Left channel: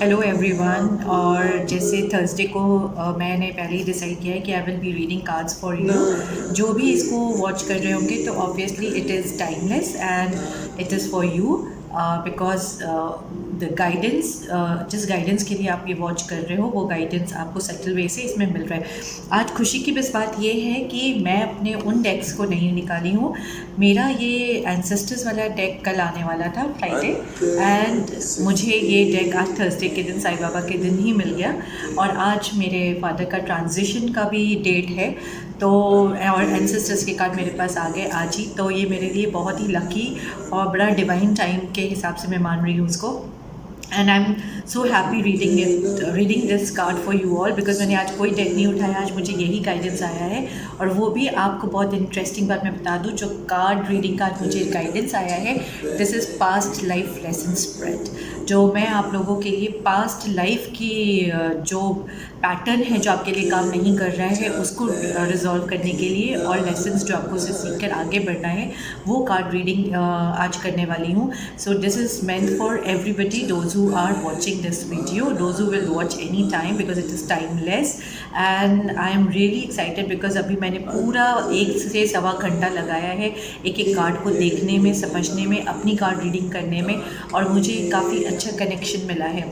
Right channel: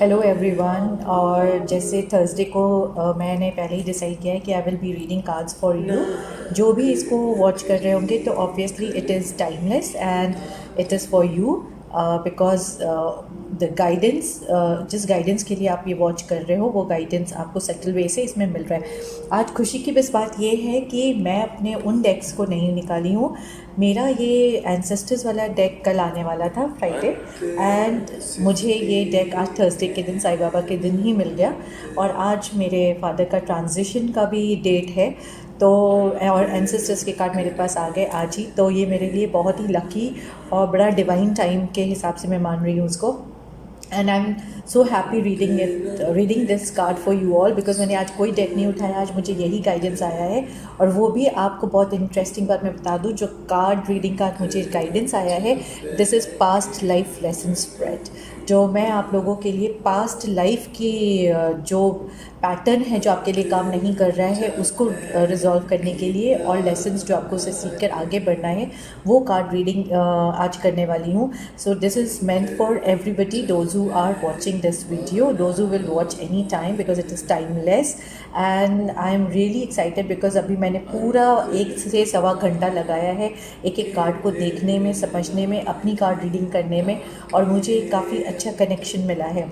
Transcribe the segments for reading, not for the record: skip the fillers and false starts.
Hello everyone. और जैसे Thursday को मैंने पहले ही डिसाइड किया है कि I will be reading cards for you. जो भी इसको वॉच कर रहे होंगे तो obviously it is timeless and it is for you because the guidance, जिस गाइडेंस के लिए आप ये वॉच कर रहे हो वो गाइडेंस आपको सटल वे से इसमें मिल रहा है। आज खुशी की बस बात ये है कि मैं अपने उन डेक्स को नहीं निकाली हूँ। मेरा ये एंसेस्टर्स वाला डेक कल आने वाला था फ्राइडे, एंड मुझे ये डेक आज थर्सडे के दिन साईं बाबा के दिन ही मिल गया। और आज मेरे फादर का ट्रांजिशन का भी डेट है, तो और एंसेस्टर्स के कार्ड मेरे पास आ गए आज ही। तो ये मेरे लिए बहुत ही लकी और बड़ा डिवाइन टाइम के हिसाब से मैं मान रही हूँ उसको। And I am so happy reading this card for you all, because मैंने आज कोई डेक नहीं उठाया, आज मुझे यही गाइडेंस आया है। और वो भी आपको बहुत इंटरेस्टिंग बात मैं बता दूँ, जो कार्ड रीडिंग का मुझे गाइडेंस आया है, this is past life lesson spread. जो मैं आप लोगों के लिए पास्ट लाइफ की जो पैटर्न है जो आपके लिए काम नहीं कर रहा है उसको रिजॉल्व करने के लिए, और लेसन्स जो आपको उसे सीख कर आगे बढ़ना है, वो कार्ड रीडिंग आज करने वाली हूँ। So this is meant for everybody, those who are watching this video, those who will watch any time, because it is timeless. And I am really excited because अभी मैंने पूरा 1 से सवा घंटा लगाया है एक एक कार्ड को देखने में, समझने में, अपनी कार्ड रीडिंग करने में, और मुझे काफ़ी अच्छा कनेक्शन मिला है।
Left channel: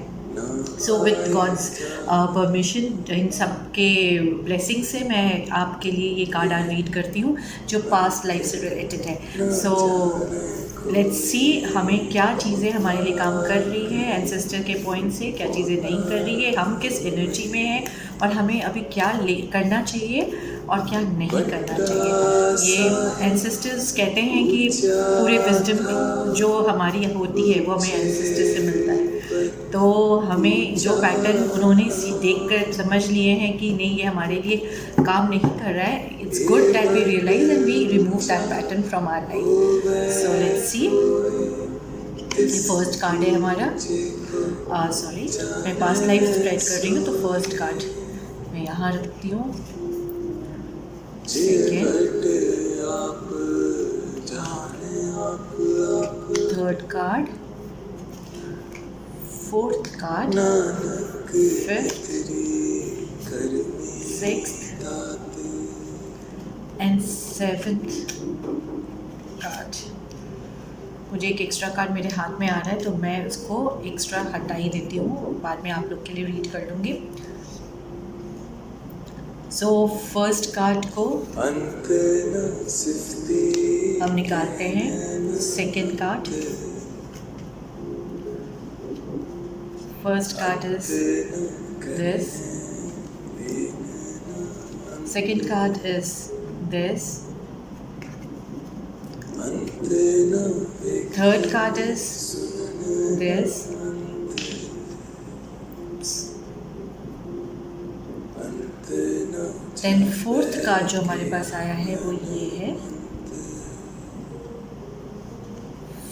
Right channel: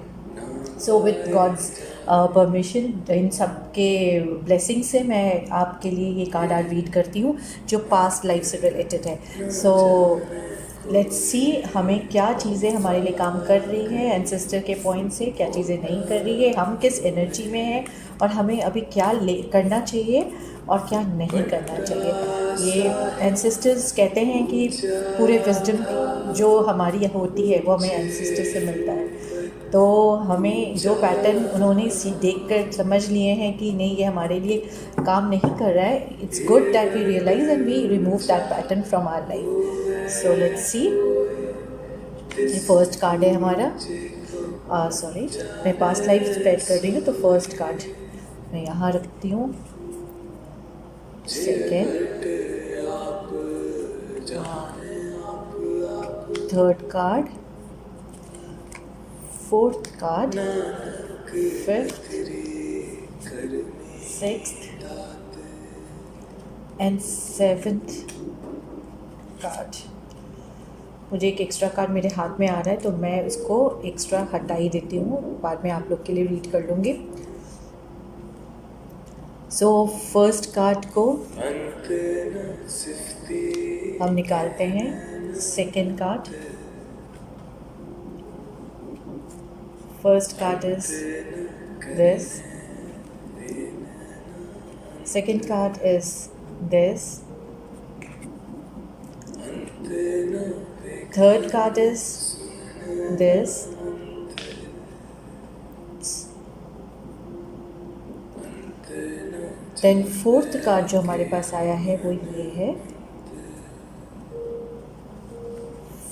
सो विथ गॉड्स परमिशन, इन सब के ब्लेसिंग से मैं आपके लिए ये कार्ड आज रीड करती हूँ जो पास्ट लाइफ से रिलेटेड है। सो लेट्स सी हमें क्या चीज़ें हमारे लिए काम कर रही है एंसेस्टर के पॉइंट से, क्या चीज़ें नहीं कर रही है, हम किस एनर्जी में हैं, और हमें अभी क्या करना चाहिए और क्या नहीं करना चाहिए। ये एंसेस्टर्स कहते हैं कि पूरे विजडम जो हमारी होती है वो हमें एंसेस्टर से मिलता है। तो हमें जो पैटर्न उन्होंने देख कर समझ लिए हैं कि नहीं ये हमारे लिए काम नहीं कर रहा है, it's good that we realise and we remove that pattern from our life. So let's see, ये फर्स्ट कार्ड है हमारा। सॉरी, मैं पास्ट लाइफ स्प्रेड कर रही हूँ, तो फर्स्ट कार्ड मैं यहाँ रखती हूँ। Second, third card, fourth card, fifth, sixth and seventh card. मुझे एक एक्स्ट्रा कार्ड मेरे हाथ में आ रहा है तो मैं उसको एक्स्ट्रा हटा ही देती हूँ, बाद में आप लोग के लिए रीड कर लूँगी। सो फर्स्ट कार्ड को हम निकालते हैं। Second card, first card is this, second card is this, third card is this, then fourth card जो हमारे पास आया है वो ये है।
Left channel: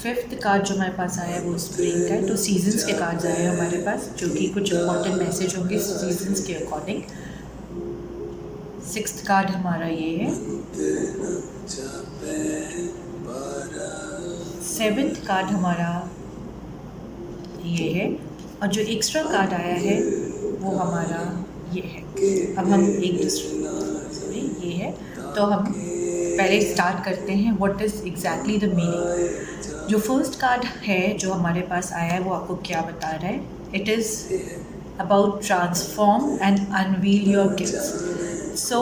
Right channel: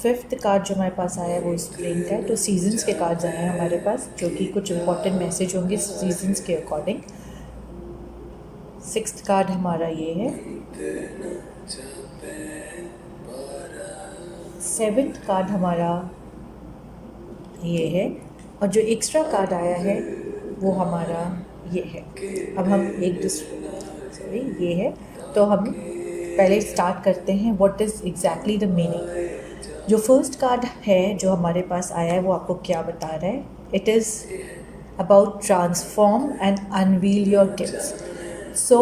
फिफ्थ कार्ड जो हमारे पास आया है वो स्प्रिंग का है। तो सीजन्स के कार्ड्स आए हैं हमारे पास, जो कि कुछ इंपॉर्टेंट मैसेज होंगे सीजन्स के अकॉर्डिंग। सिक्स्थ कार्ड हमारा ये है। सेवेंथ कार्ड हमारा ये है, और जो एक्स्ट्रा कार्ड आया है वो हमारा ये है। अब हम एक दूसरे ये है, तो हम पहले स्टार्ट करते हैं what is exactly the meaning. जो फर्स्ट कार्ड है जो हमारे पास आया है वो आपको क्या बता रहा है? It is about transform and unveil your gifts. So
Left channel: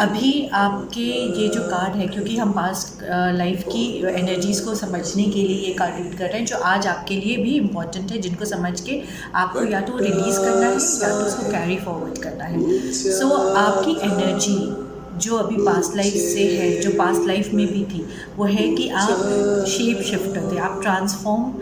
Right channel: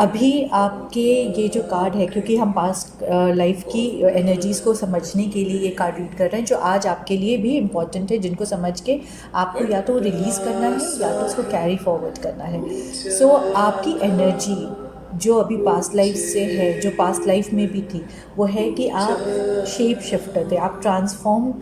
अभी आपके ये जो कार्ड है, क्योंकि हम पास्ट लाइफ की एनर्जीज़ को समझने के लिए ये कार्ड रीड कर रहे हैं, जो आज आपके लिए भी इम्पॉर्टेंट है, जिनको समझ के आपको या तो रिलीज़ करना है या तो उसको कैरी फॉरवर्ड करना है। सो आपकी एनर्जी जो अभी पास्ट लाइफ से है, जो पास्ट लाइफ में भी थी, वो है कि आप शेप शिफ्टर थे, आप ट्रांसफॉर्म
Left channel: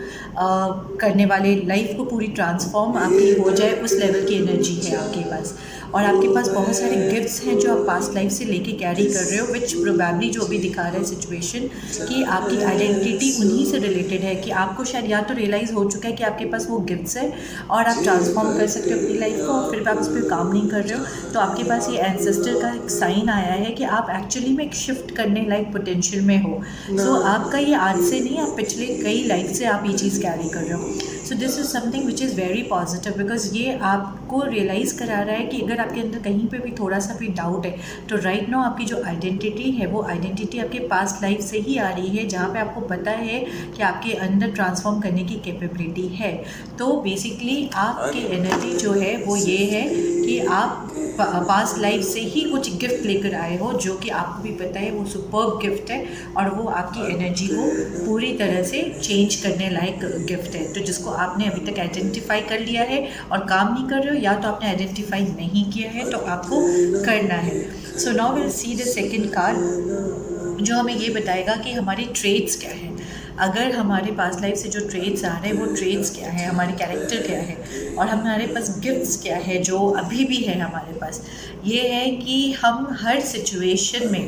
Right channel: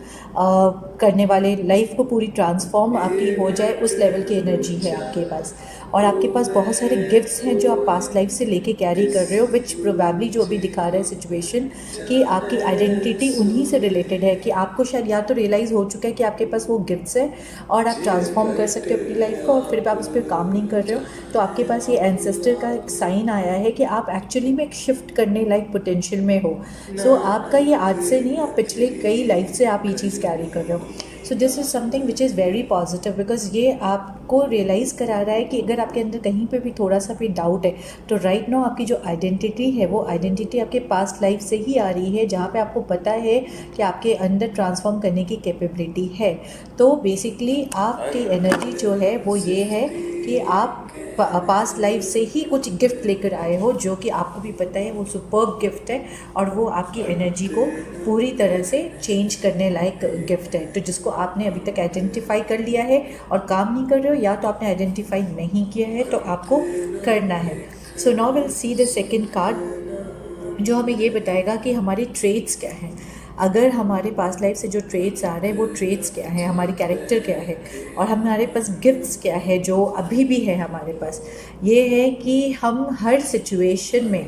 करने वाले, लाइफ को पूरी ट्रांसफॉर्म आपकी हो जाए उस लेवल की एनर्जी है आपके पास। और आपके पास बहुत सारे गिफ्ट्स हैं जो आप पास्ट लाइफ से लेके कैरी कर रहे हो, विच प्रोबेबली जो भी दिखा रहा है सिचुएशन कि आपकी आइडेंटिटी उन्हीं से रिलेटेड है, कि आपको शायद या तो रियलाइज़ हो चुका है कि आपके पास वो गिफ्ट्स है और आप ट्रांसफॉर्म कर सकते हो अपनी लाइफ को, और फिर आप उस पर काम नहीं कर रहे हो। तो आपके पास ये एंसेस्टर का एक साइन आया है कि आप एक्चुअली में एक शिफ्ट करने लाइक पोटेंशियल में हो। सो आपका ये आज से नहीं, आप पिछले कई लाइफ से आप ये चीज़ कैरी कर रहे हो। सो this is something which is very positive, because ये आपको रियलाइज़ करा रहा है कि अगर आपके अंदर कहीं पे भी थोड़ा सा भी डाउट है तो राइट नाउ आपकी जो आइडेंटिटी है वो आइडेंटिटी आपके पास्ट लाइफ से ही आ रही है, जहाँ पे आपको पता है कि आपके अंदर ट्रांसफॉर्म करने की कैपेबिलिटी है। तो बेसिकली आपकी एनर्जी जो है वो ये है कि आप पास्ट लाइफ से ही कुछ गिफ्ट लेकर आए हो, जो कि आपको भी पता है वो सुपर्ब गिफ्ट है और वो आपकी एनर्जी को पूरी तरह से चेंज करने लायक गिफ्ट है। तो जिसको आपने अभी तक आइडेंटिफाई कर लिया है और काम नहीं कर रहे हो, या तो आपने आइडेंटिफाई नहीं किया है तो आपको करना है। So now will see the second card, जो हमें ये बताएगा कि हमारे ट्रेड्स क्या हैं। अगर हमारे पास लाइफ से जो ट्रेड्स आ रहे हैं वो ट्रेड्स क्या है, हमारे कैरेक्टर क्या है, और हमारे पास गिफ्ट्स क्या है जो अभी भी है हमारे पास। ये है कि हम हर सिचुएशन में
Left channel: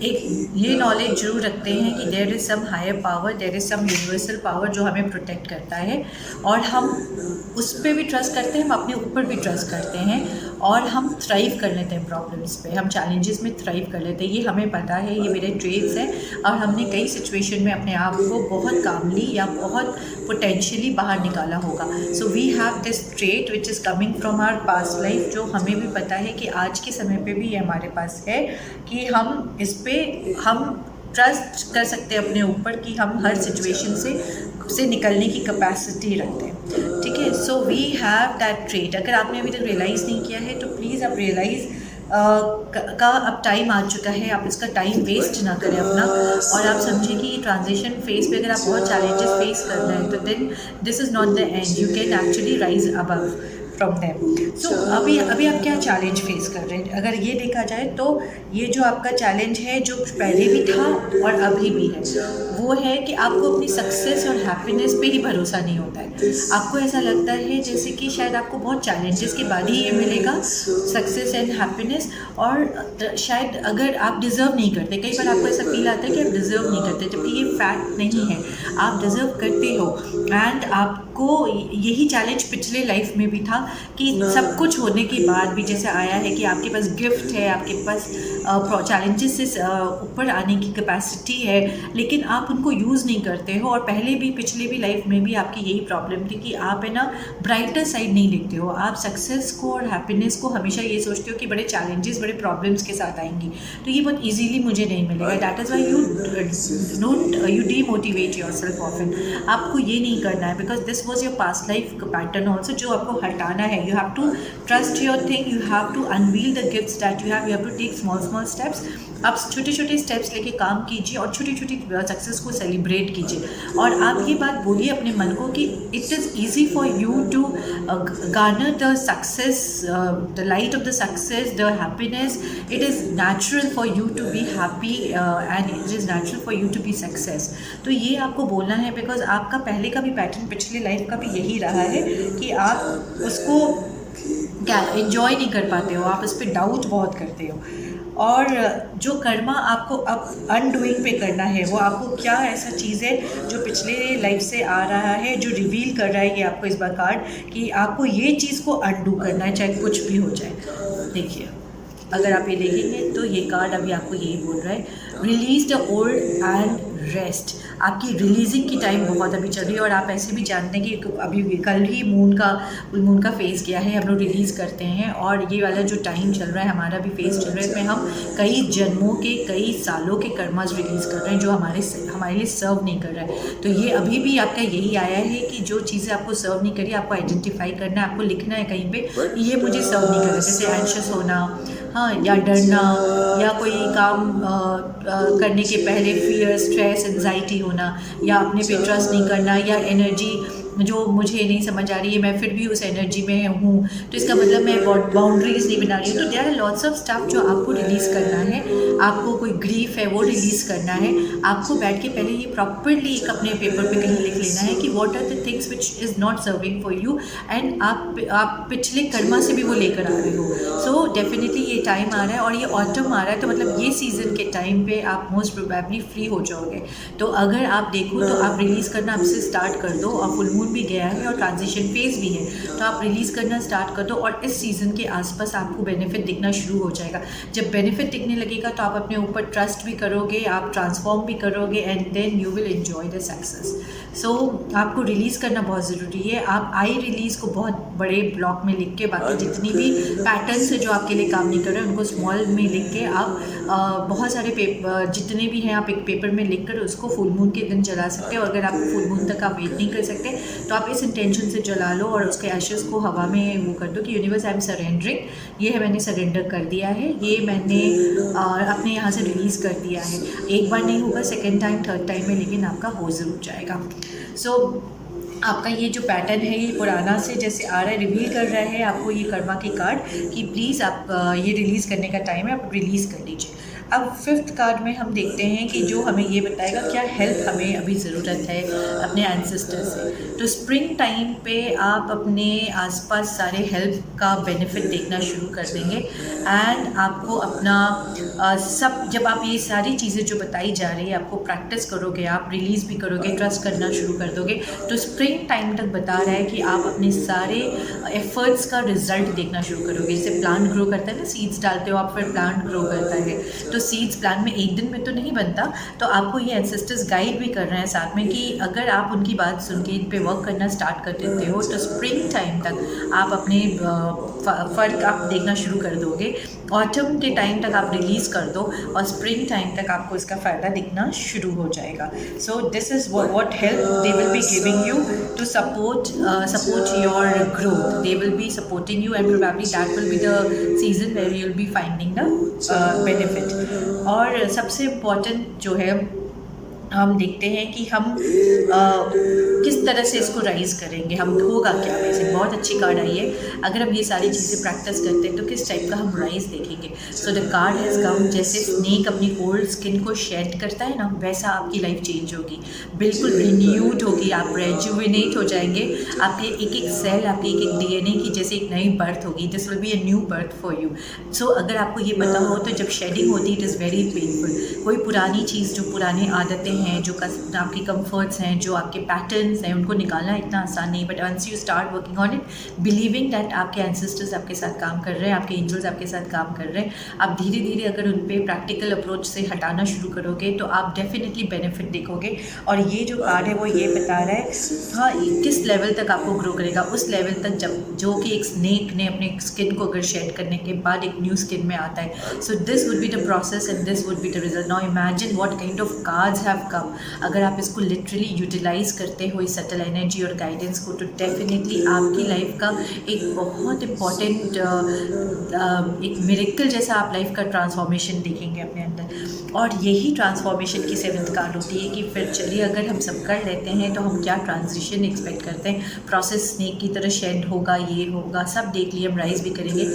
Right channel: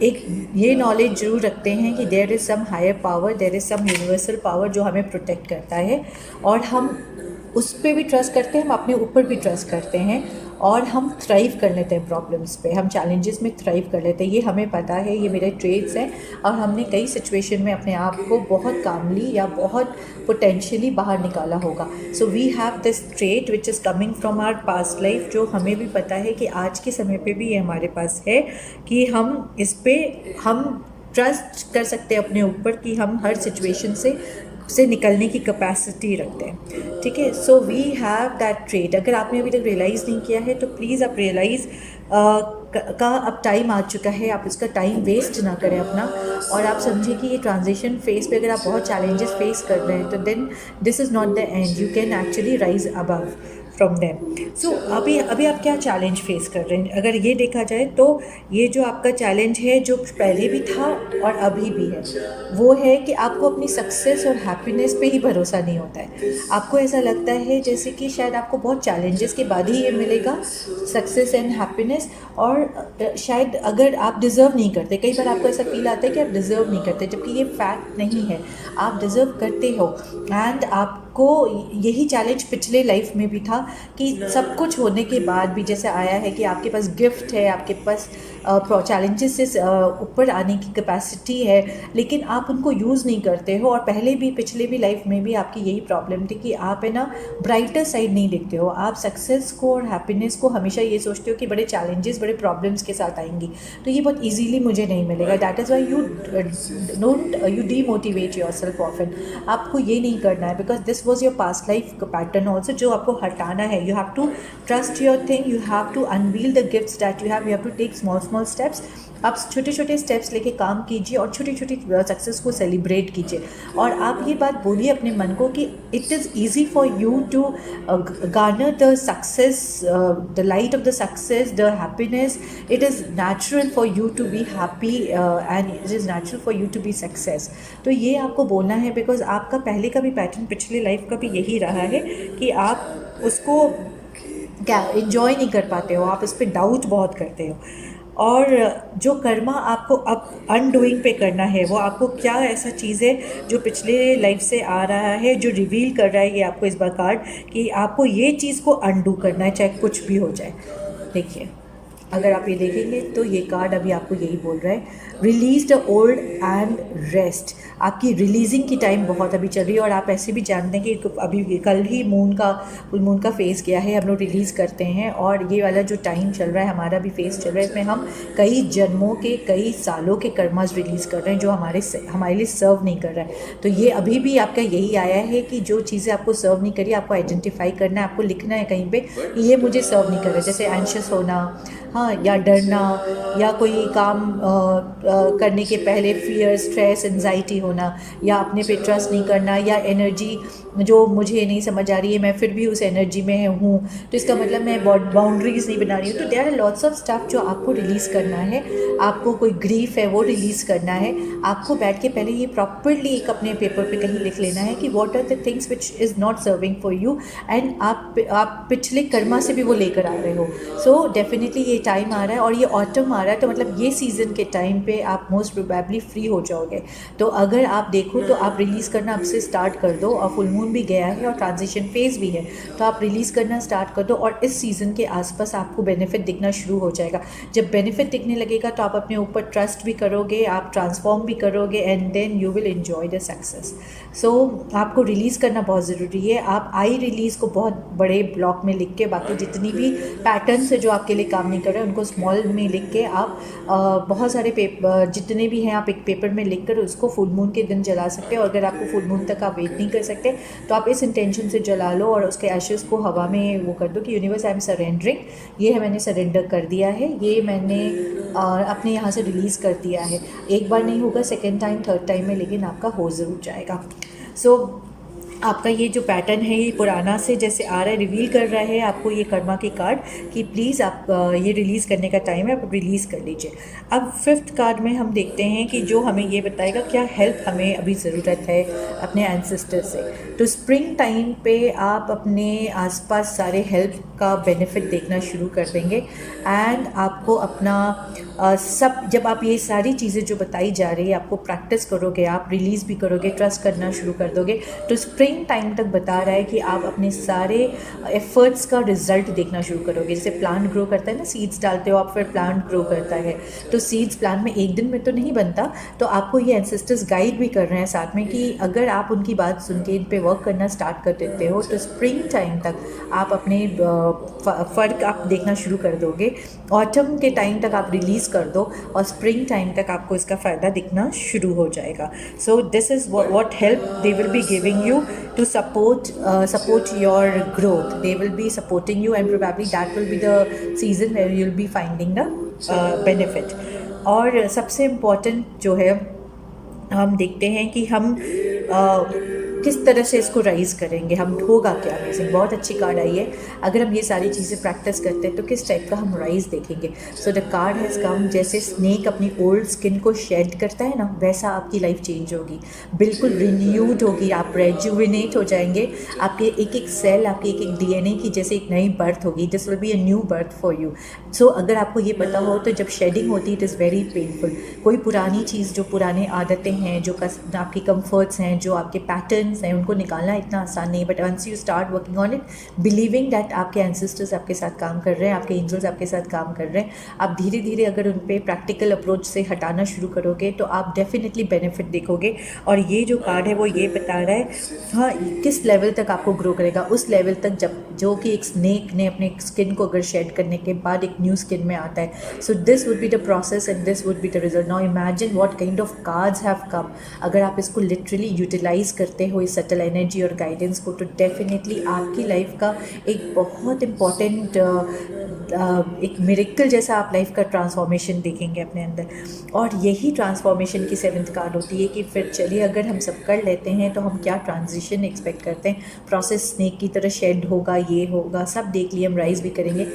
एक ये नॉलेज जरूर रखते हैं कि there is some higher power, there is some universal power जो हमें प्रोटेक्ट करता है, और हम उस पर भी ट्रस्ट करते हैं, हम अपने ऊपर भी ट्रस्ट करते हैं, और हम थ्राइव कर लेते हैं प्रॉब्लम्स पे, हम चैलेंजेस में थ्राइव कर लेते हैं। ये हमें पता है, ये मेरे ट्रेड्स हैं, और हमने कई सिचुएशन में अपने आप को बहुत कामली या बहुत पोटेंशियली बाहर निकाला होगा। So we have this trait which is coming from our past life, जो हमें भी पता है कि आज के समय पे भी ये हमारे पास है कि हम इस पे हम ट्रस्ट कर सकते हैं अपने ऊपर कि हम हर सिचुएशन से निकलने की कैपेसिटी रखते हैं। ठीक है, so we have that trait. अगर आपने अभी तक रियलाइज़ नहीं किया है तो प्लीज़ आप रियलाइज़ का अब टाइम आ चुका है। आप इसका टाइम वेस्ट ना करें अपना, और आप समझिए कि ये ट्रांजिशन फेज पे अगर आप बहुत चैलेंजेस फेस कर रहे हैं तो then this is not the end, you can actually rise above from them. So अभी आप क्या चैलेंज फेस कर रहे हैं? अगर ये देखा जाए तो ये जो आपका चैलेंज है जो पहले भी था और अभी भी है, वो है कि आपको अपनी सक्सेस और हैप्पीनेस पे ही भरोसा नहीं होता है। आपको ऐसा लगता है जैसे कि शायद आपको बहुत चैलेंजेस के बाद ही ये मिलेगा सक्सेस एंड हैप्पीनेस, और शायद अगर आप डिज़र्व नहीं करते, कई बार आपको ऐसा फील आता है कि आप डिज़र्व नहीं करते, जबकि ये फैक्ट नहीं है, आप डिज़र्व करते हो। एंड आपको यही चैलेंज पिछले लाइफ में भी था कि सब कुछ होने के बाद भी जैसे आया है कि आपके पास गिफ्ट है, आपके पास चैलेंजेस से ऊपर आने की कैपेसिटी है, लेकिन आप उनको यूज़ नहीं करते हो। और पहले भी पिछले भी लाइफ में भी आपकी यही प्रॉब्लम थी कि आप है ना ब्राइटर साइड नहीं देखते हो, आप सक्सेस को और हैप्पीनेस को हमेशा ये सोचते हो कि बड़े चैलेंजेस बड़े प्रॉब्लम्स के साथ आएंगी तो ये बहुत ईजीली मुझे नहीं मिलेगा। That is why you demotivate yourself often. आपको ये नहीं करना है, because this was your past life pattern also, जो आपको हटाना है। You have to trust your thing, you have to unveil the gifts that you have to take small steps. आप छोटे छोटे स्टेप्स लेके काम कीजिए और छोटी छोटी सक्सेस को सेलिब्रेट कीजिए, और आप ये बात बोलिए अपने मन को कि it is easy for you to garner the success, the light of the success, the happiness. It is natural for you to be happy and it is natural for you to be success. तो ये आपको बोलना है, because आपका पहले का भी pattern पिछले लाइफ का भी यही रहा है कि आप उसको क्या इन्जॉय नहीं कर पाते हो, आप उस पर डाउट बहुत करते हो। और जो कर्मा आपको अब अनडूइंग पे करना है, वो आपको क्या ऐसा चीज़ है जो पिछले लाइफ से आ रहा है, जो रिवील कर रहा है ये आपको इस बार कार्ड, कि आपको ये चीज़ को अनडू करना है, चाहे कुछ भी हो जाए। देखिए, अगर आप ये देखेंगे तो ये कार्ड अभी आपको यही बोल रहा है, release the old and rest. आपकी रिलीजिंग की टाइम बहुत अभी चल रही है, और आप ऐसे भी जानते हैं कि अभी कल ही मून का फेज़ गया है, हम लोग रिलीज़ करते हैं, और ये वाला जो टाइम चल रहा है हमारा भी फेज़ चल रहा है, इसमें हम कई जन्मों के कई सालों के कर्मास रिलीज़ कर रहे हैं जो हमारे लिए सर्व नहीं कर रहा है। तो ये अभी भी आपका यही आया है कि जो चीज़ें आपको सर्व नहीं करी, आपको आइडेंटिफाई करना है, आपको लिखना है कहीं पे ये मुझे सर्व नहीं कर रहा। जैसे एंशियस होना, हाँ, या डरना, या कोई काम करने के पहले फियर, स्ट्रेस, एंजाइटी होना, या अपने पे ट्रस्ट नहीं करना, या एनर्जी जो मुझे नहीं समझ आ रही है मैं फिर भी उस एनर्जी में हूँ तो इसका मतलब मैं बाउंड्रीज नहीं बना रही हूँ। तो there are lots of stuff जो आपको रिलीज़ करना है। आपको कोई ग्रीफ है वो रिलीज़ करना है। आपको बैठ के पहले ये प्रॉपरली एक अपने पेपर पे कहीं लिख लेना है कि what are the things which is not serving for you, and आप पिछले कर्मा से भी वो लेकर आ रहे हो। सो डेफिनेटली ये टाइम आ रहा है, और ये ऑटम आ रहा है, तो मतलब ये सीज़न के टाइम पे आप मोस्ट प्रोबेबली फ्री हो जाओगे। तो अगर आप देखो तो आप रिलीज़ करना अब से स्टार्ट कर दो, और फुल मून मून भी गया है और ट्रांजिशन फेज भी है, तो आप रिलीज़ करना स्टार्ट कर दो और इस सीज़न के आसपास आपको बेनिफिट दिखना शुरू हो जाएगा। जब बेनिफिट दिखने लगेगा तो आप अपने ऊपर ट्रस्ट भी करोगे, आप ट्रांसफॉर्म भी करोगे and then you will enjoy the success. So आपको रिलीज़ करना बहुत ज़रूरी है। आप आई रिलीज़ को बहुत बड़े ब्लॉक में लिख के, बाकी जितनी भी पैटर्न्स है जो आपके लिए काम नहीं कर रहे हैं उनको स्मॉल में लिख के आप बहुत सारे पेपर जितने भी हैं आप एक पेपर में लिख कर उसको फुल मून के दिन जला सकते हैं। और अगर आपको फुल मून तक आप वेट नहीं कर सकते तो आप इस इंटेंशन से जला लो और उसके एशेज़ को हवा में वो कर दो कि यूनिवर्स आई एम सरेंडरिंग, ये है मैंने सरेंडर कर दिया है, ये मैंने अपने यहाँ से रिलीज़ कर दिया है। एक बार नहीं होगा, सेकेंड टाइम थर्ड टाइम में लेकिन आपका हो ज़रूर जाएगा। सो आपका ये जो पैटर्न है ये पुराना से जैसे आ रहा है, रिवील कर रहा है आपको ये कर्मा की कार्ड कि प्लीज़ आप ये रिलीज़ करने का टाइम है, आप रिलीज़ कर लीजिए। अब 5th कार्ड में हम देखते हैं कि जो हमें ये बताएगा क्या हेल्प हमें अभी ज़रूरत है अपने एंसेस्टर से। तो स्प्रिंग टाइम पे आप अपने आसपास सारे हेल्प का बेनिफिट देखना शुरू कर देंगे एंड आपको अपना सब, जब आप ये सारी चीज़ें जो बताई जा रही है आपको प्रैक्टिस करोगे, आप रिलीज़ भी करोगे, ट्रस्ट करना शुरू कर दोगे, तो स्प्रिंग टाइम तक बता रहा है कि आप अपने सारे एफर्ट्स का रिजल्ट देखना शुरू करोगे। जैसे प्लांट ग्रो करता है ना, सीड्स डालते हो आप, फिर प्लांट ग्रो करता है, तो सीड्स प्लांट में एक दिन में तो नहीं बनता। तो आपको ये एंसेस्टर्स गाइड भी कर रहे हैं साथ में कि अगर आप उनकी बात सुन के इन पे वर्क करना स्टार्ट कर देते हो तो स्प्रिंग टाइम तक आप अपने फ़र्क आप देखना शुरू कर दोगे। ऑटम के टाइम तक आप रिलीज़ कर दो और स्प्रिंग टाइम तक आपको इसका फ़ायदा दिखना शुरू हो जाएगा। सो this is what help they will be giving you to support your growth. They will be supporting you and probably that will be the season where you'll be finding the benefit. और सबसे important जो है हम देखते हैं कि हम किस तरह से इसको राइज़ करेंगे, हम होगा क्या। बेसिक बहुत अच्छी कार्ड आई है, अगर हम ये सारी चीज़ें प्रैक्टिस करते हैं तो किस टाइप का हम राइज़ देखेंगे। So the card has come, जैसे स्नेक अपनी ओल्ड स्किन को शेड करता है ना, वैसा आपकी लाइफ चेंज होगी, बिल्कुल रिन्यूड होगी, आप रेजुविनेट हो जाएंगे, आपके एक एक सेल, आपके एक एक DNA की जैसे एक नई बर्थ होगी। This will be a new birth for you. So अगर आपको ये पता हो तो जब शेडिंग होती है इट इज़ वेरी पेनफुल। कोई पुरानी चीज़, जो पुरानी आदतें हैं, जो आपकी कंफर्ट्स हैं, जो आपके पैटर्न्स हैं, उनको निकालना इतना आसान नहीं। But once you start working on it, believing that आपके एंसेस्टर्स आपके साथ काम कर रहे हैं, आपके एंजल्स आपके साथ काम कर रहे हैं, आप धीरे धीरे अगर उन पर प्रैक्टिकल अप्रोच से हटाना शुरू करोगे तो आप डेफिनेटली बेनिफिट देखोगे। और ये जो कार्ड है वो ये बता रहा है हाँ किस लेवल तक आपको ग्रो करेगा, उस लेवल तक जब जो कि एक स्नेक ने अपने स्किन को अगर शेड करने के बाद एक न्यू स्किन में आता है। So this would be the process and this would be the result. Now imagine what kind of cards have come. अगर आप इसको लिटरली यूटिलाइज करते हो इस सटल एनर्जी और गाइडेंस को, तो डेफिनेटली आपकी लाइफ का एक बहुत इम्पॉर्टेंट एक मिरेकल जैसा आप लाइफ का ट्रांसफॉर्मेशन देखेंगे अपने अंदर। और यही ट्रांसफॉर्मेशन की 7th कार्ड होती है कि फिर चलिए अगर हम सब कर लेते हैं तो हम क्या ट्रांजिशन एक्सपेक्ट करते हैं। प्रोसेस स्नेक की तरह शेड होगा, ये होगा, सब देख लिए, हम राइज भी करेंगे।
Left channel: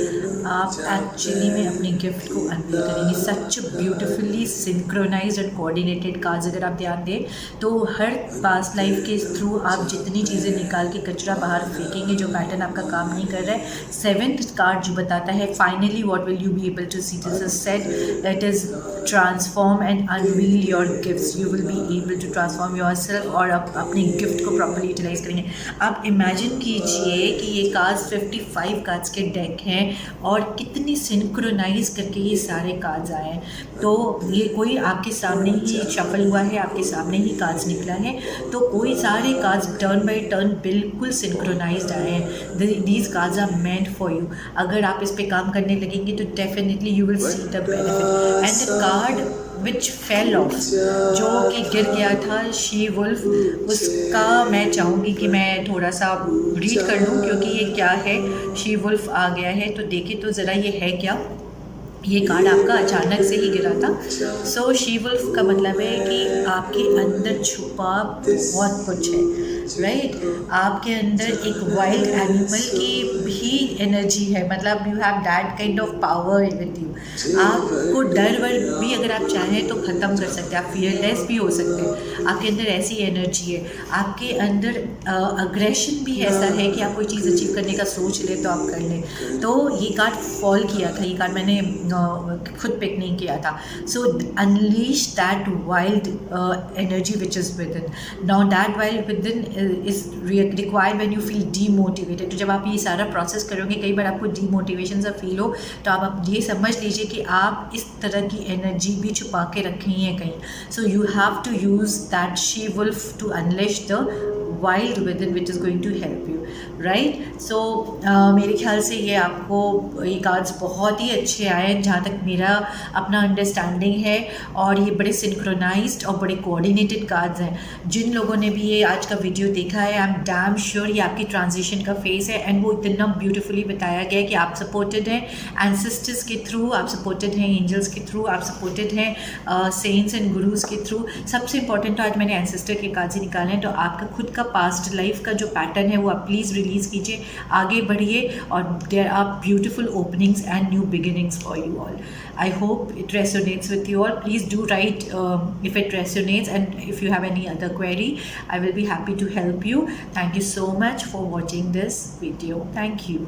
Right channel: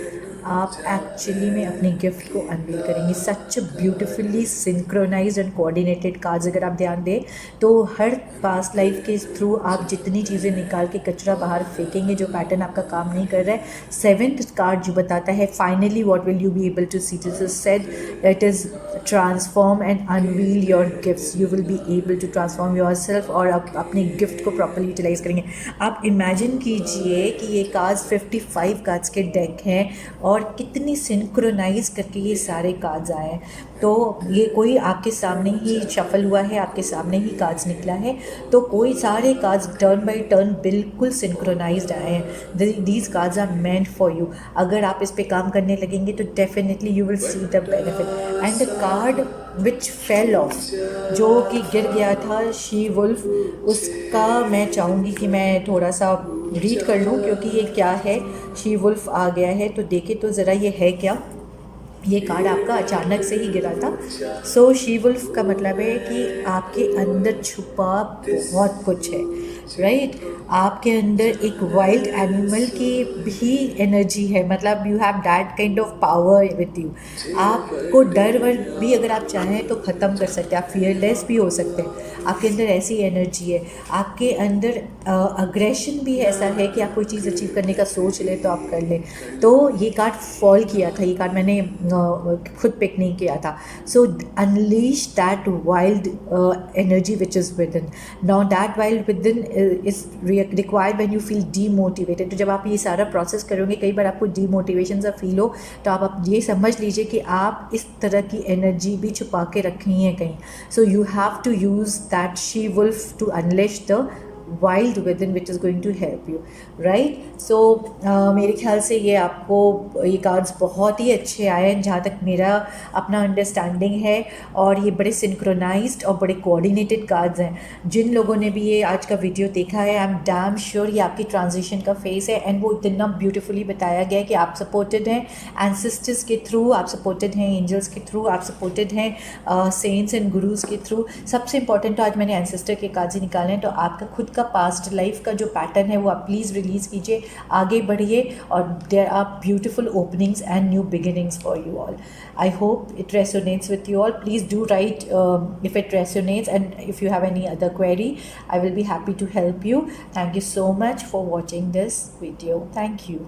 आप एक्चुअली में अपने गिफ्ट को अनवील करेंगे। Such beautifully synchronised and coordinated cards अगर आप ध्यान दें तो हर पास्ट लाइफ के थ्रू आप जितनी चीज़ें निकाल के कचरा बाहर फेंकेंगे जो पैटर्न आपका काम नहीं कर रहा है। 7th कार्ड जो बताता है finally what will you be able to see, this is said it is transform and unveil your gifts. You will be able to transform yourself और आप अपने गिफ्ट को प्रॉपरली यूटिलाइज करेंगे। आप imagine कीजिए कि ये कार्ड्स 55 कार्ड्स के डेक हैं और कितनी सिंक्रोनाइज करके ये सारे कार्ड्स आए हैं। तो ये कोई आपके सामने ही शफल हुआ है, आपके सामने ही कार्ड्स निकला है, तो कोई सारे कार्ड्स टर्न बाय टर्न बिल्कुल सिंक्रोनाइज्ड आए हैं। These cards are meant for you. अगर आप इस पे काम करने लगेंगे तो definitely you will see the benefit. And the card which fell off, जो कि गिर गया था, शी वुल्फ, उसका मैं चाहूँगी कि मैं थोड़ा सा रीड कर लूँ क्योंकि ये क्या है। शी वुल्फ आ गया है तो देखें तो ज़रा ये है क्या। ये कार्ड आपका अचानक से ही गिरा था। सो शी वुल्फ का मतलब है कि आपके अंदर छुपा बहुत कुछ है, राइट। आपके अंदर एक वाइल्ड एनिमल की भी एनर्जी है, मतलब you have that kind of power with you. आपको डर वर भी अगर आप चाहें तो ख़त्म कर सकते हैं, आप फियरलेस भी हो सकते हैं। आपके अंदर ऐसी एनर्जी है, आपके अंदर अग्रेशन भी ऐसा है कि आप कोई चीज़ अचीव करने का सोच ले तो आप कर लें। तो ये कार्ड फॉल किया था, ये कार्ड मैंने खुद पिक नहीं किया था। So unleash that wild energy which is within. Now that wild within is required when you feel demotivated. तो जब आप ये सारा प्रोसेस करोगे, कई बार आपको डीमोटिवेशन सा फील हो, तो आप ये समझ लीजिए कि आप इस तरह की एनर्जी भी छुपा के रखी है कहीं। So you have to use that she wolf to unleash the wild within which is going to help you, right. सो मेरे ख्याल से ये आपको ये कार्ड्स बहुत ही अच्छे आए हैं जहाँ तक मेरा अपना अंडरस्टैंडिंग है, और ये बड़े सिंक्रोनाइज्ड और बड़े कोऑर्डिनेटेड कार्ड्स हैं। जिन लोगों ने भी ये आज का वीडियो देखा है, आई एम डैम श्योर ये आपकी ट्रांजिशन का फेस है, एंड वो इतना ब्यूटीफुली बताया गया है कि आप सपोर्टेड हैं एंसेस्टर्स के थ्रू, आप सपोर्टेड हैं एंजल्स के थ्रू, आप सपोर्टेड हैं सेंट्स एंड गुरुज के थ्रू। सबसे इंपॉर्टेंट तो आज मैंने एंसेस्टर के कार्ड्स ही निकाले हैं। तो आपका खुद का पास्ट लाइफ का जो पैटर्न है वो आप प्लीज़ रिलीज़ कीजिए, आगे बढ़िए, और there are beautiful openings and new beginnings for you all. I hope it resonates with you all. Please do write if it resonates, and if you have any other query, I will be happy to help you. Thank you so much for watching this video. Thank you.